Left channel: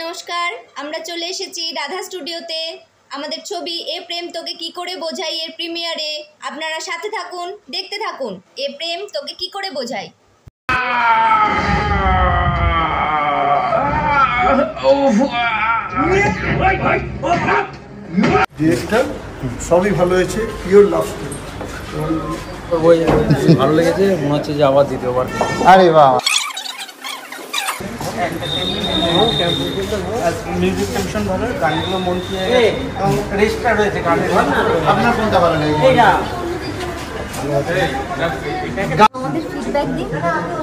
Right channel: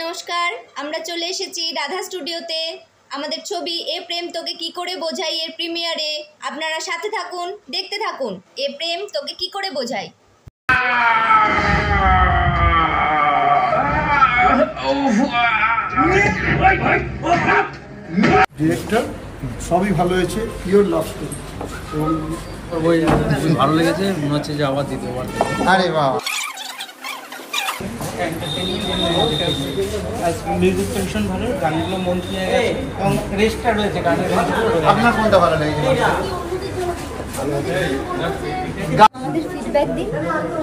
নমস্কার, আমরা চলে এসেছি রাধা স্টুডিওতে। আমাদের ছবি এ প্রেম তোকে কি করে বোঝাই এর প্রিমিয়ারে। আপনারা সাথে থাকুন, দেখতে থাকুন এ প্রেম তোকে কি করে বোঝাই। ডিরেক্টর সবই ভালো হয়েছে, পিওর লাভ স্টোরি এবং ভালো লেগেছে, মনে হচ্ছে যে আবার দ্বিতীয়বার। আরে বাহ, মিউজিকটা ভীষণ ভালো, গানগুলো মন ছুঁয়ে গেছে এবং রেস্টটা রয়েছে গানের। আপনার কোনটা ভালো লেগেছে? আমাদের ফিডব্যাক দিন।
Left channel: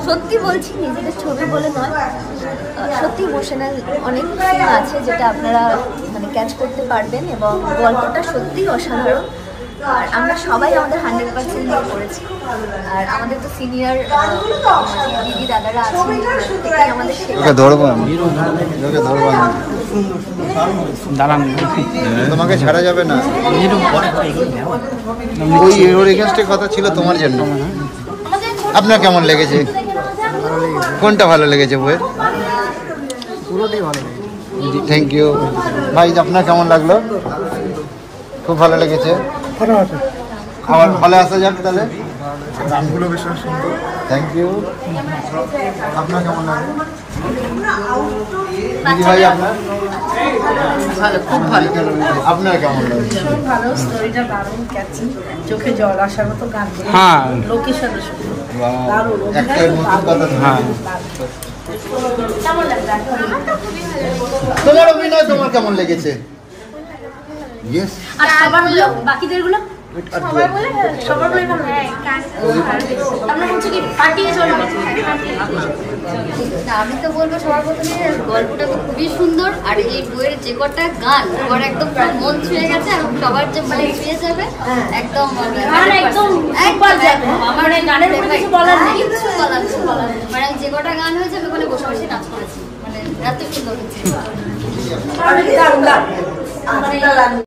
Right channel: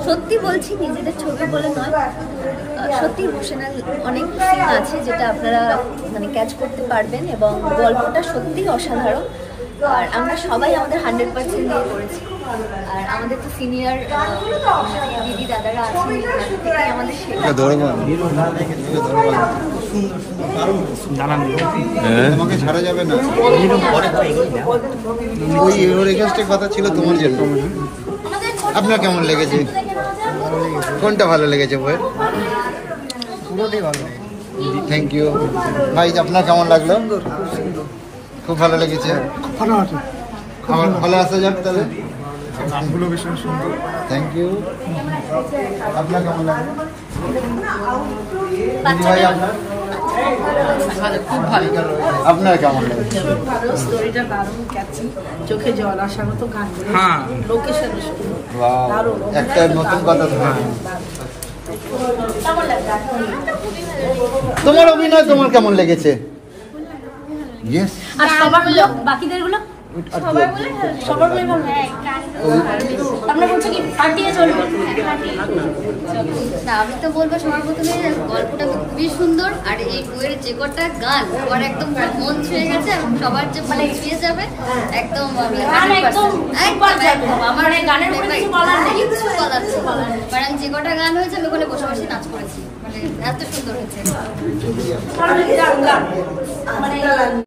সত্যি বলছি, নিজেদের ছবি বলে নয়, সত্যি ইমোশনাল অনেক সিন আছে যেটা আপনারা ক্যাচ করতে পারবেন এবং গল্পটা সত্যি অসাধারণ। আর আমরা সবাই আমাদের 100% দিয়ে করেছি। আর আমাদের তো সিনিয়র দিদি দাদারা আছেন, থেকেই আমাদের শেখা। তোমাকে ছাড়া যাবে না, ওই রিকোয়েস্টের কথা ছিল তোমার জন্য। আপনার কেমন লেগেছে? কোনটা ভালো লেগেছে বইয়ের? পুরোটাই ভালো লেগেছে। থ্যাংক ইউ ভাই। আপনার কেমন লাগলো? খুব ভালো লেগেছে। আবার ভালো আসা যাক তাহলে। গানগুলো ভীষণ সুন্দর, থ্যাংক ইউ। আপনার কেমন লাগলো দিদি ভাই? আপনার খুব ভালো। আপনার কেমন লাগলো? ভালো, স্টোরিটা দারুণ, ক্যাচি, চোখে জল আসার মতো গানগুলো। হ্যাঁ, লোকেশনের সুন্দর, দারুণ। একটা নতুন কথা। হ্যাঁ, কেমন লাগলো? তোমার অভিনয় তোমার কেমন লেগেছে? ইয়েস। আর সবার বললো বাকিদের গুলো সবার বলে ভালো। আমরা বলছি কি পার্টিয়ে চলবে? না, আমি তো বলবো সবার প্রথমে গল্পটা খুবই সুন্দর। আর এই বইয়ের যে কটা গান আমার একদম মন ছুঁয়ে গেছে এবং সবার যে এগিয়ে যাবে একদম আমার এই গানের উপরে কিছু বলার নেই। কিছু বলার ছিল মানে যে কটা গান হয়েছে আমি ওখানে বসে বসে নাচ করেছি, এত সুন্দর হয়েছে।